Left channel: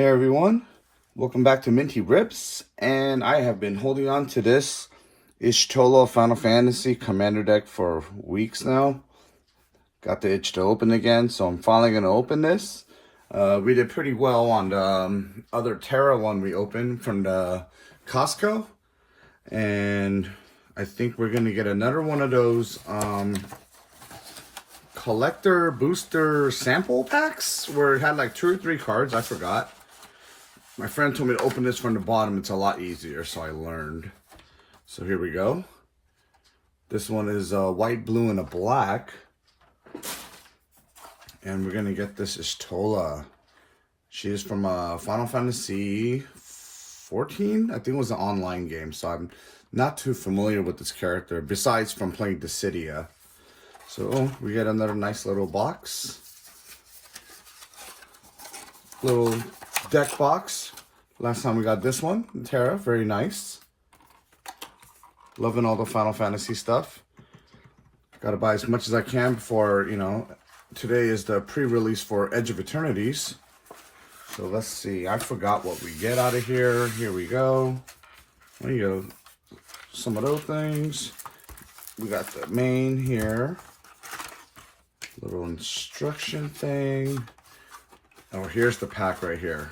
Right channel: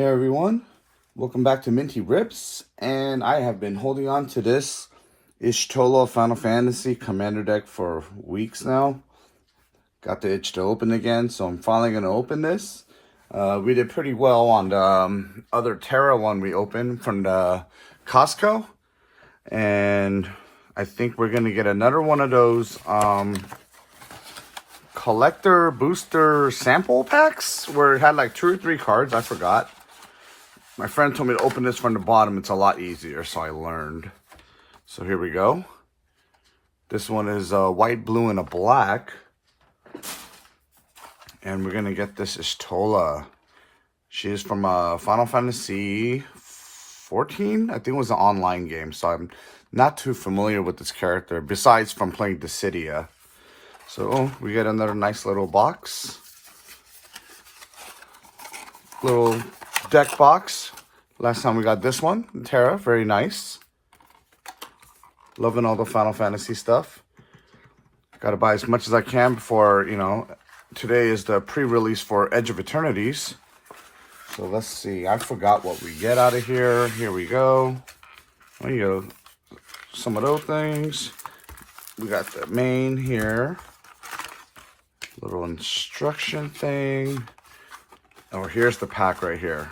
Hey everyone, welcome back to Min.T Rips, and I have been holding on to this shtola Final Fantasy Commander deck for weeks now. Got the itch to open again, so I'm finally going to open this. We did pretty well on the other Terra one we opened from the Costco, and I think we're going to get another one of those collector booster sample packs where it had like 2 or 3 cards. I forgot. My friend told me to open this from the bottom. It's a lot easier, so I learned. So here we go. This one is white, blue, and a black. And we're going to get this shtola. She is from Final Fantasy 14. I think it was an online game, so I'm not too familiar with this character, besides from playing Dissidia. So we get another nice little box. Little deck box. Last time we got this one, Terra, very nice. Loving all the Final Fantasy stuff. Gotta buy as much as I can before, today is the pre-release for Edge of Eternities. So let's see, I forgot what we get out of here. Here we go. There you go. Some of those things. We got the main here. Little instruction thing. Oh, here's the pack right here.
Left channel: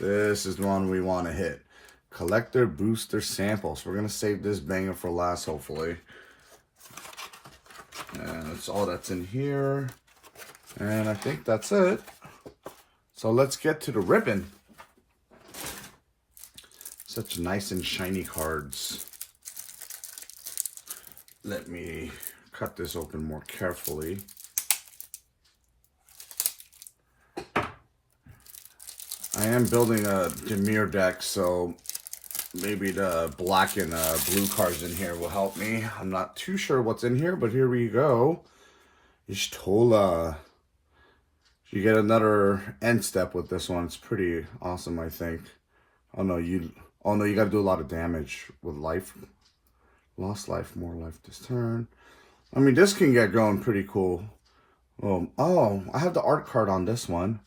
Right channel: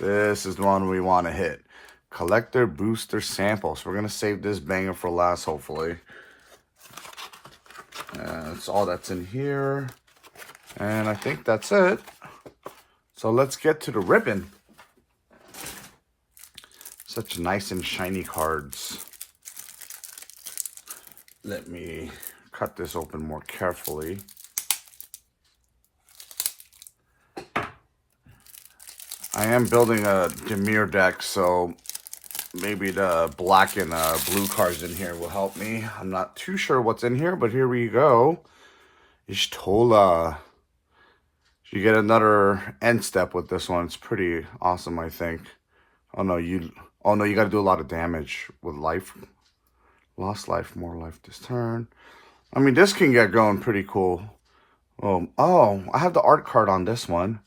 This is the one we want to hit. Collector booster samples. We're going to save this banger for last, hopefully. That's all that's in here. And I think that's it. So let's get to the ribbon. Such nice and shiny cards. Let me cut this open more carefully. I am building a Demir deck, so maybe the black and blue cards in here will help me. I'm not too sure what's in here, but here we go. Shtola. You get another end step with this one. It's pretty awesome, I think. Oh no, you gotta do a lot of damage with life. Lost life, more life this turn. I mean, this can get going pretty cool. Oh, I have the art card on this one.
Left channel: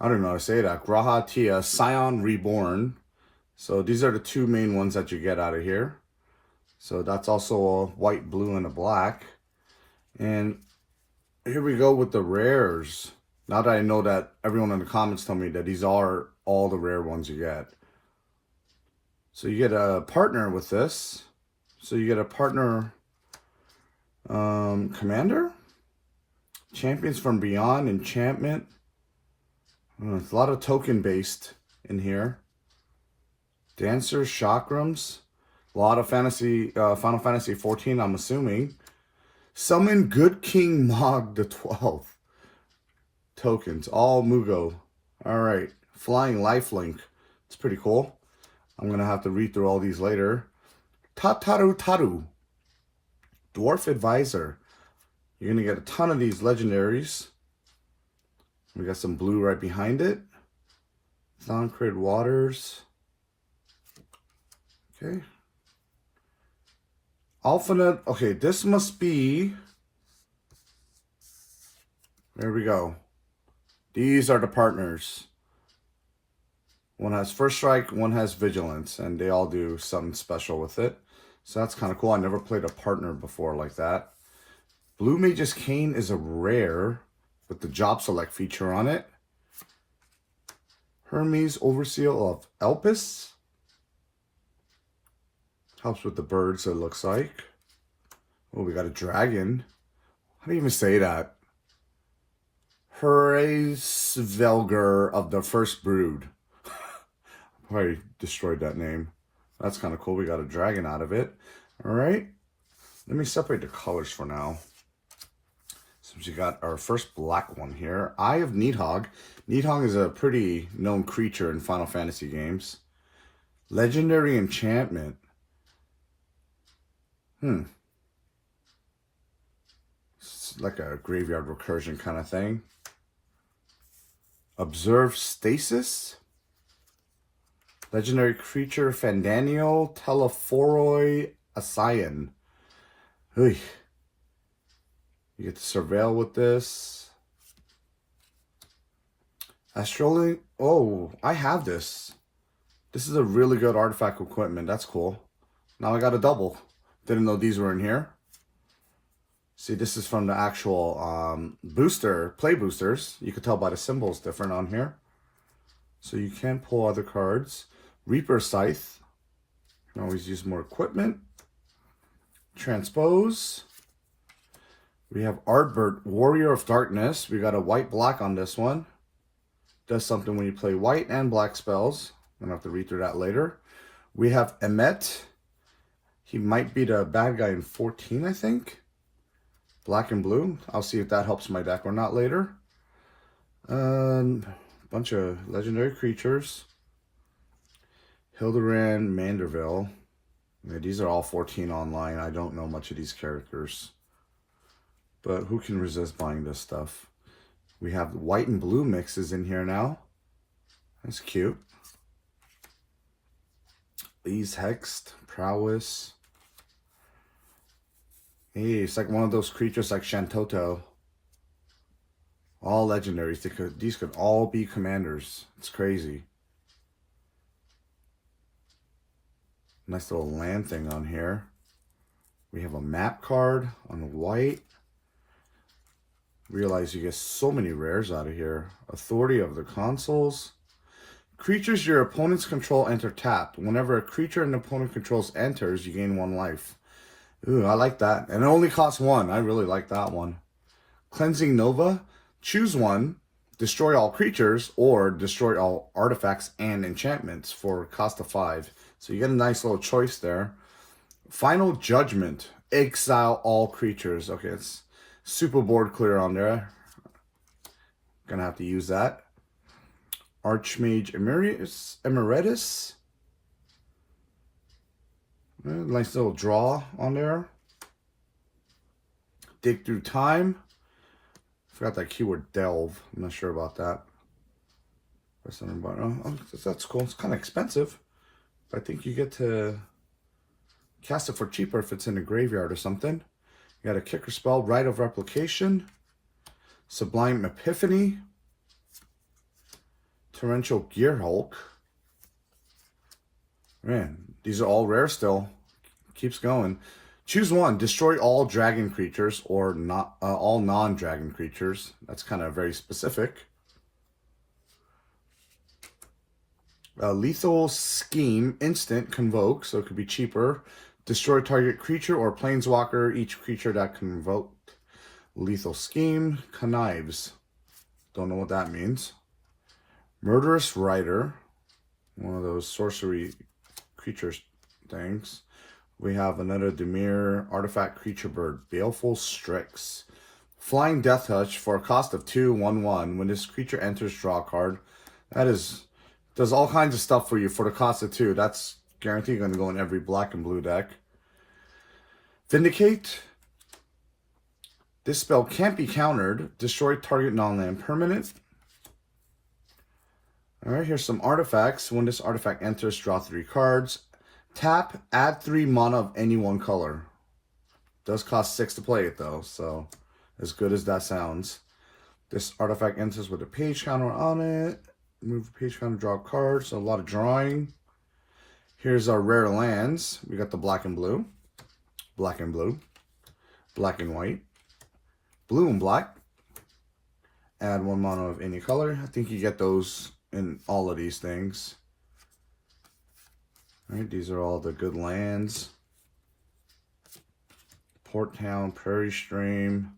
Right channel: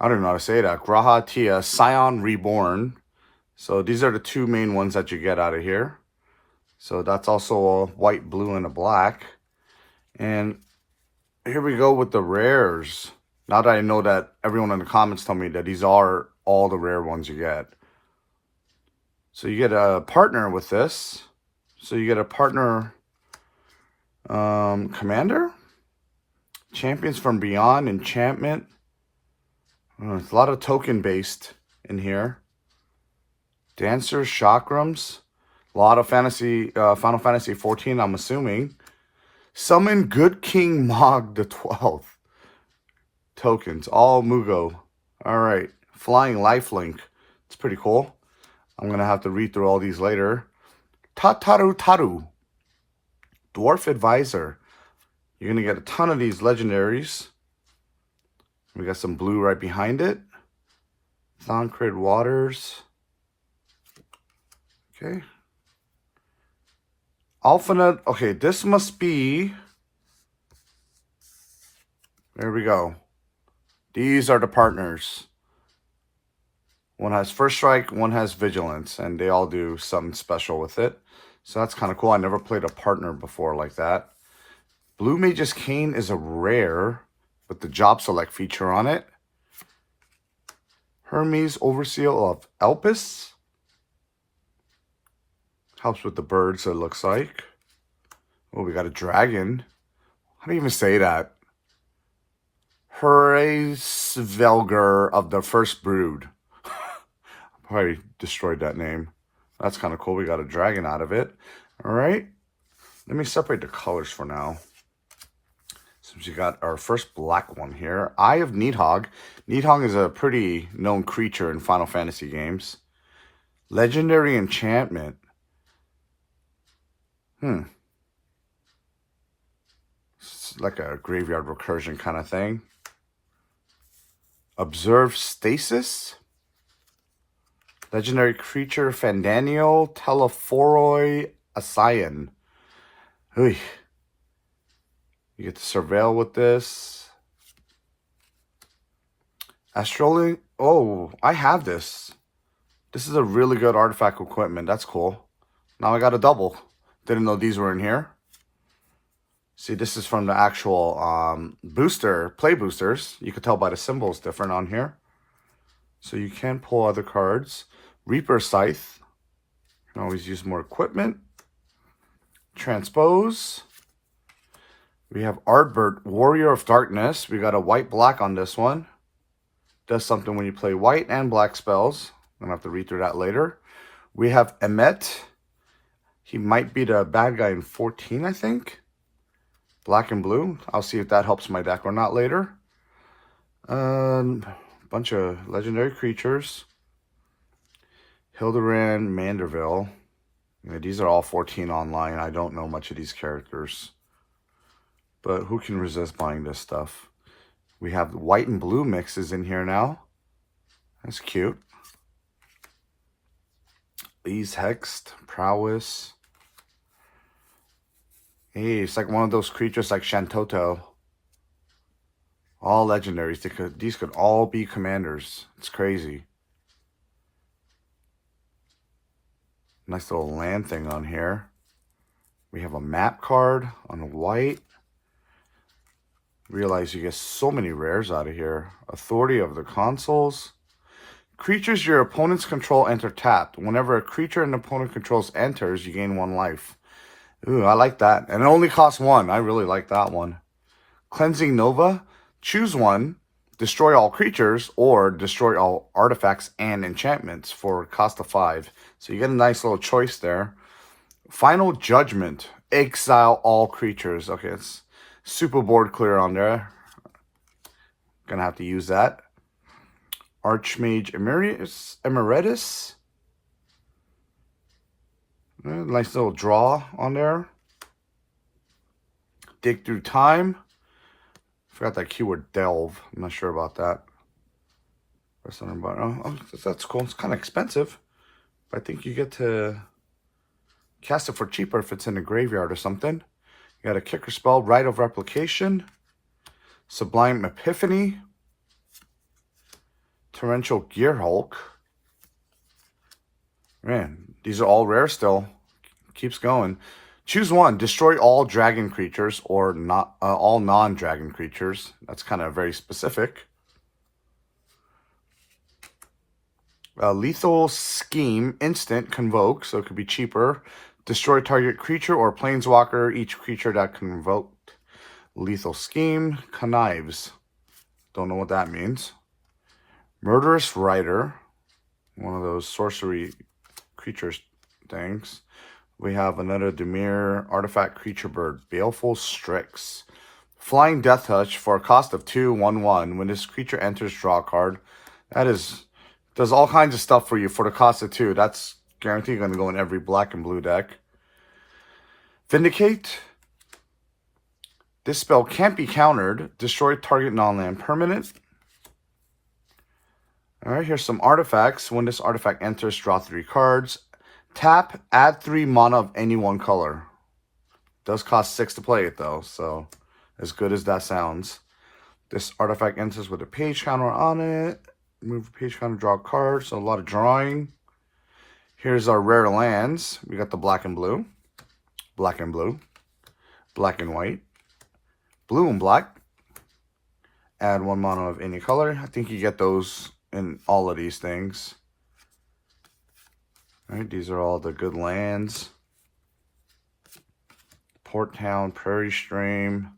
I don't know how to say that. Graha Tia, Scion Reborn. So these are the 2 main ones that you get out of here. So that's also a white, blue, and a black. And here we go with the rares. Now that I know that everyone in the comments told me that these are all the rare ones you get. So you get a partner with this. So you get a partner commander. Champions from Beyond, Enchantment. It's a lot of token based in here. Dancers, Chakrams. A lot of Final Fantasy 14, I'm assuming. Summon Good King Mog the 12th. Tokens, all Mugo. Alright, Flying Lifelink. It's pretty cool. I'm going to have to read through all these later. Tataru Taru. Dwarf Advisor. You're going to get a ton of these legendaries. We got some blue right behind it. Thancred Waters. Okay. Alphanet. Okay, this must be... There we go. These are the partners. One has First Strike, one has Vigilance, and they all do something special with it. So that's kind of cool. I never played a partner before like that. Blue Mage's Cane is a rare with the job select feature on it. Hermes Overseal of Elpis. Helps with the birds, it looks like. Oh, we got a dragon. How do you even say that? Hraesvelgr of the First Brood. Probably destroyed that name. That's kind of cool. We got a dragon out of it. All right. Let me separate the colors for now. Since we got our first black one here. Eye of Needhog. Needhog is a pretty known creature in Final Fantasy games. Legendary Enchantment. It's like a graveyard recursion kind of thing. Observe Stasis. Legendary creature Fandaniel Telephoroi Asayan. Oy. You get to surveil with this. Astroli. Oh, I have this. This is a really good artifact equipment. That's cool. Now I got a double. Didn't know these were in here. See, this is from the actual booster, play boosters. You could tell by the symbols different on here. So you can pull other cards. Reaper Scythe. You can always use more equipment. Transpose. We have Ardbert, Warrior of Darkness. We got a white-black on this one. Does something when you play white and black spells. I'm going to have to read through that later. We have Emmet. He might be the bad guy in 14, I think. Black and blue. I'll see if that helps my deck or not later. Bunch of legendary creatures. Hildebrand, Manderville. Yeah, these are all 14 online. I don't know much of these characters. But who can resist buying this stuff? We have white and blue mixes in here now. That's cute. These Hexed, Prowess. Hey, it's like one of those creatures like Shantoto. All legendaries. These could all be commanders. It's crazy. Nice little land thing on here. We have a map card on the white. Realize you get so many rares out of here. Authority of the Consuls. Creatures your opponents control enter tapped. Whenever a creature an opponent controls enters, you gain 1 life. Ooh, I like that. And it only costs 1. I really like that one. Cleansing Nova. Choose one. Destroy all creatures or destroy all artifacts and enchantments for a cost of 5. So you get a nice little choice there. Final Judgment. Exile all creatures. Okay, it's super board clear on there. Gonna have to use that. Archmage Emeritus. Nice little draw on there. Dig Through Time. Forgot that keyword delve. I'm not sure about that. That's something about. Oh, that's cool. It's kind of expensive, but I think you get to cast it for cheaper if it's in a graveyard or something. You got a kicker spell, Rite of Replication, Sublime Epiphany, Torrential Gearhulk. Man, these are all rare still. Keeps going. Choose one. Destroy all dragon creatures or not all non-dragon creatures. That's kind of very specific. Lethal Scheme. Instant. Convoke. So it could be cheaper. Destroy target creature or planeswalker. Each creature that convoked. Lethal Scheme. Connives. Don't know what that means. Murderous Rider. One of those sorcery creatures things. We have another Dimir Artifact Creature Bird. Baleful Strix. Flying Death Touch for a cost of 2, 1/1. When this creature enters, draw a card. That does all kinds of stuff for you for the cost of 2. That's guaranteed going to go in every black and blue deck. Vindicate. This spell can't be countered. Destroy target non-land permanent. Alright, here's some artifacts. When this artifact enters, draw 3 cards. Tap, add 3 mana of any one color. Does cost 6 to play it though, so as good as that sounds. This artifact enters with a page counter on it. Move the page counter, draw a card, so a lot of drawing. Here's our rare lands. We got the black and blue, black and blue, black and white, blue and black. Add 1 mana of any color. I think you get those in all of these things. All right, these are all the good lands. Port Town, Prairie Stream,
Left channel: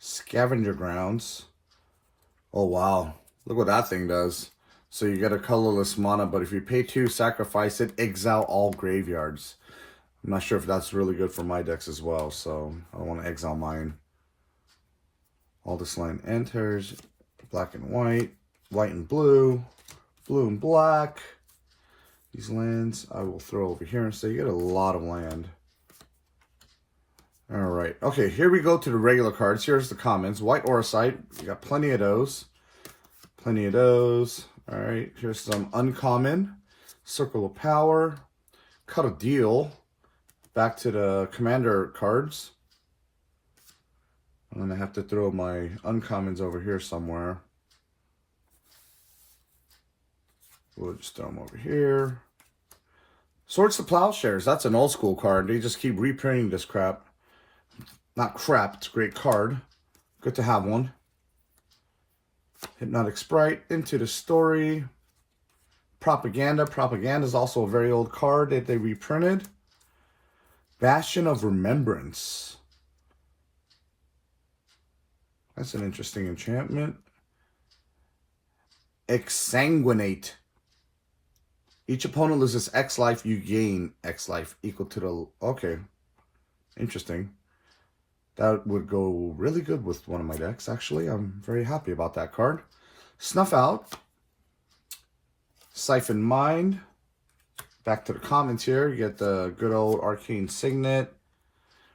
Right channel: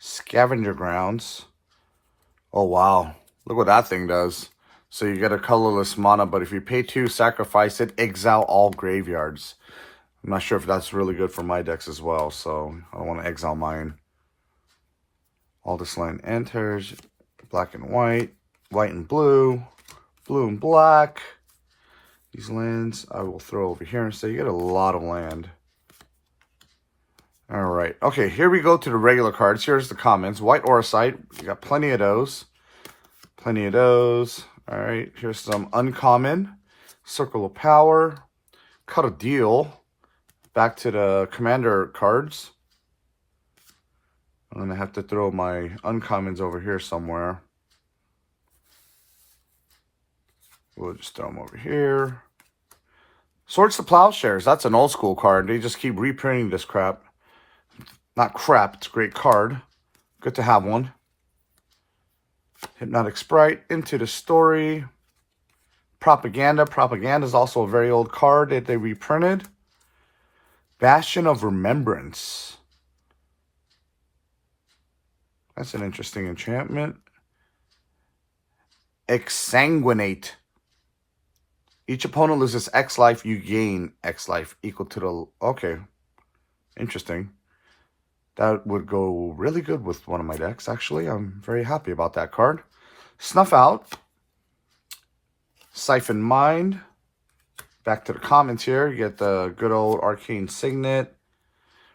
Scavenger Grounds. Oh, wow. Look what that thing does. So you get a colorless mana, but if you pay 2, sacrifice it, exile all graveyards. I'm not sure if that's really good for my decks as well, so I want to exile mine. All this land enters, black and white, white and blue, blue and black. These lands I will throw over here and say you get a lot of land. All right. Okay, here we go to the regular cards. Here's the comments. White Auracite. You got plenty of those. Plenty of those. All right. Here's some uncommon. Circle of Power. Cut a Deal. Back to the commander cards. I'm going to have to throw my uncommons over here somewhere. We'll just throw them over here. Swords to Plowshares. That's an old school card. They just keep reprinting this crap. Not crap. It's a great card. Good to have one. Hypnotic Sprite. Into the Story. Propaganda. Propaganda is also a very old card that they reprinted. Bastion of Remembrance. That's an interesting enchantment. Exsanguinate. Each opponent loses X life, you gain X life equal to the... Okay. Interesting. That would go really good with one of my decks, actually. I'm very happy about that card. Snuff Out. Siphon Mind. Back to the commons here. You get the good old Arcane Signet.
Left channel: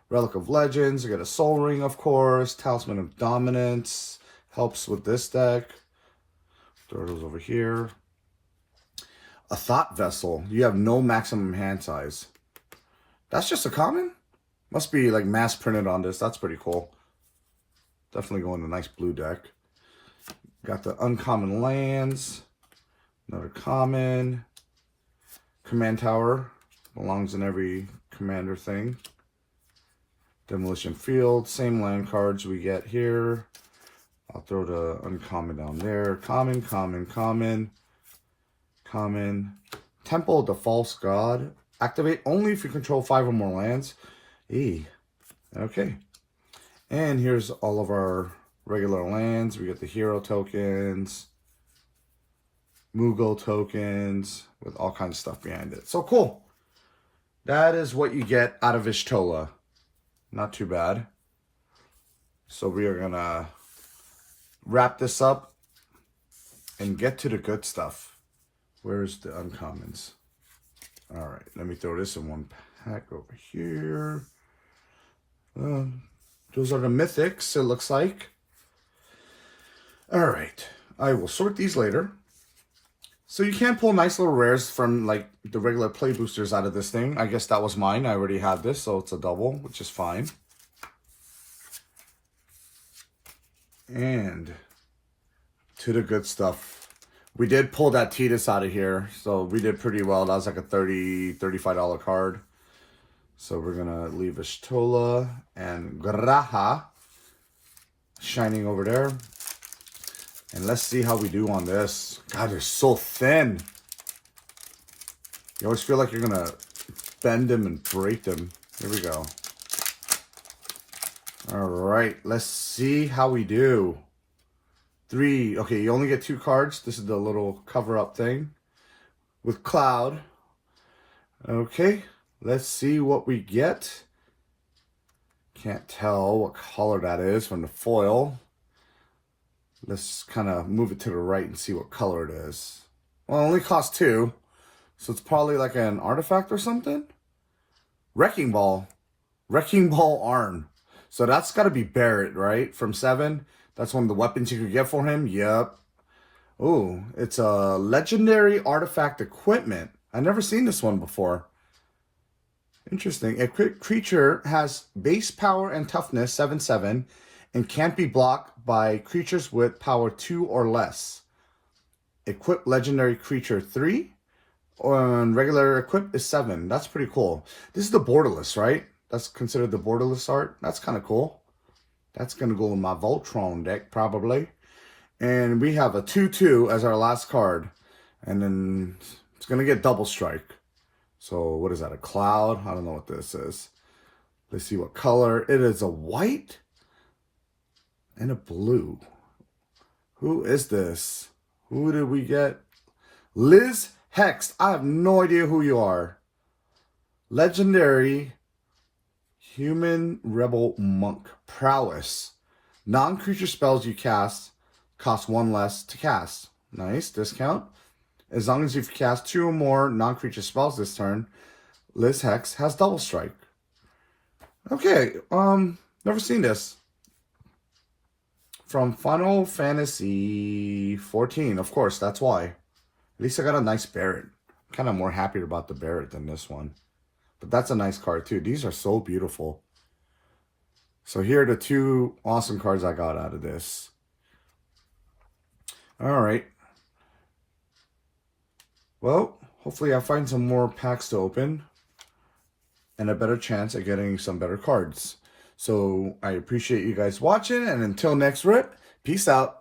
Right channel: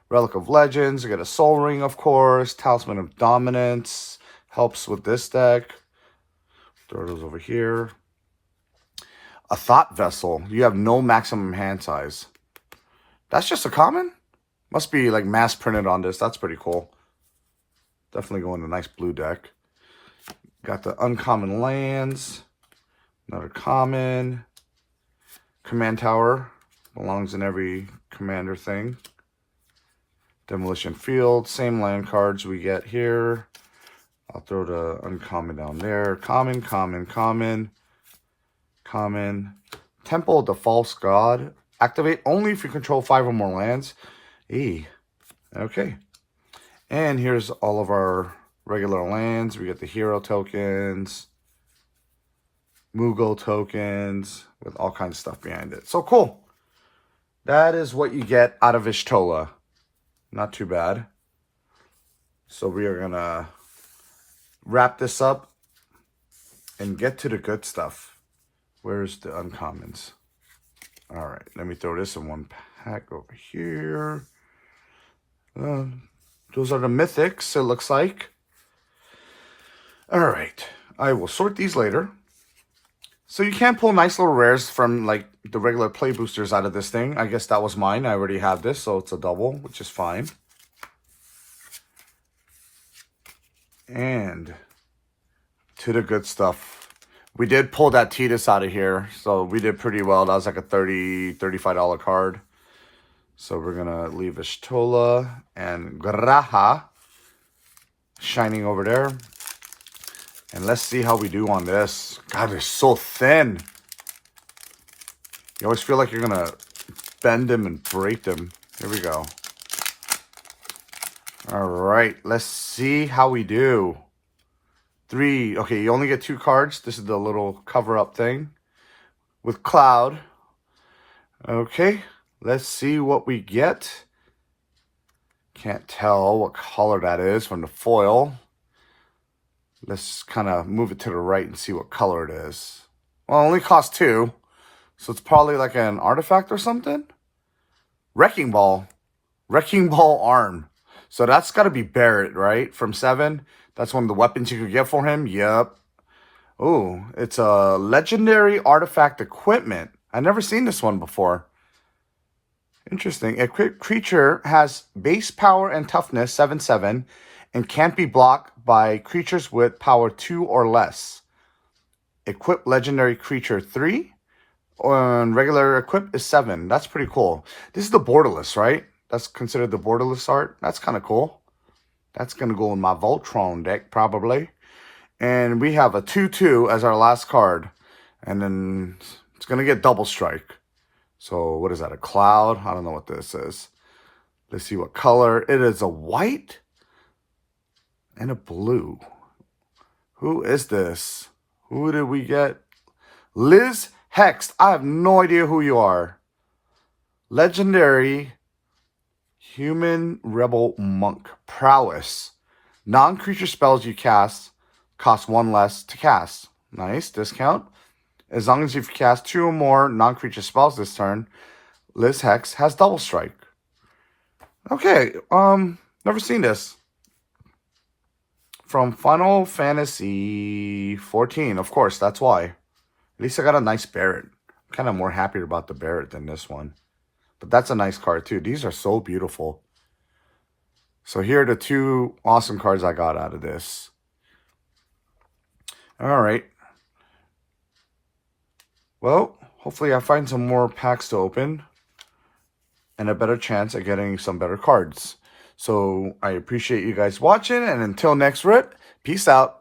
Relic of Legends. You get a Soul Ring, of course. Talisman of Dominance. Helps with this deck. Throw those over here. A Thought Vessel. You have no maximum hand size. That's just a common? Must be like mass printed on this. That's pretty cool. Definitely going to a nice blue deck. Got the uncommon lands. Another common. Command Tower. Belongs in every commander thing. Demolition Field. Same land cards we get here. I'll throw the uncommon down there. Common, common, common. Common. Temple of the False God. Activate only if you control 5 or more lands. Okay. And here's all of our regular lands. We get the hero tokens. Moogle tokens. With all kinds of stuff behind it. So cool. That is what you get out of Shtola. Not too bad. So we are going to wrap this up and get to the good stuff. Where's the uncommons? All right, let me throw this in one pack over here. Those are the mythics, it looks like. All right, I will sort these later. So you can pull nice little rares from like the regular play boosters out of this thing. I guess that was mine. I already have this, so it's a double, which is fine. And to the good stuff. We did pull that Titus out of here, so we did pretty well. That was like a $30, $35 card. So we're going to leave a Shtola and Graha shining over there. And let's see how we do on this. God, they're so thin. You always feel like you're going to bend them and break them. Here we go. All right, let's see how we do. 3. Okay, you only get 2 cards. This is the little cover-up thing with Cloud. Okay, let's see what we get. Can't tell what color that is from the foil. Let's kind of move it to the right and see what color it is. Well, it only costs 2, so it's probably like an artifact or something. Wrecking Ball. Wrecking Ball Arn. So that's got to be Barrett, right? From 7. That's one of the weapons you could get for him. Yep. Oh, it's a legendary artifact equipment. I've never seen this one before. Interesting. Equipped creature has base power and toughness 7/7 and can't be blocked by creatures with power 2 or less. Equipped legendary creature 3. And regular equip is 7. That's pretty cool. This is the borderless, right? That's considered the borderless art. That's kind of cool. That's going to go in my Voltron deck, probably. And we have a 2/2 as our last card. And then it's going to get double strike. So what is that, a cloud? I don't know what this is. Let's see what color. It is a white and a blue. Who is this? Who did we get? Liz Hex. I have no idea who you are. Legendary Human Rebel Monk. Prowess. Non-creature spells you cast cost 1 less to cast. Nice. Discount. As long as you've cast 2 or more non-creature spells this turn, Liz Hex has double strike. Okay. Never seen this. From Final Fantasy 14. Of course, that's why. At least I got a nice Barrett. I'm kind of more happy about the Barrett than this one. But that's a nice card too. These are so beautiful. So here are the 2 awesome cards I got out of this. All right. Well, hopefully I find some more packs to open and a better chance at getting some better cards. So I appreciate you guys watching, and until next rip, peace out.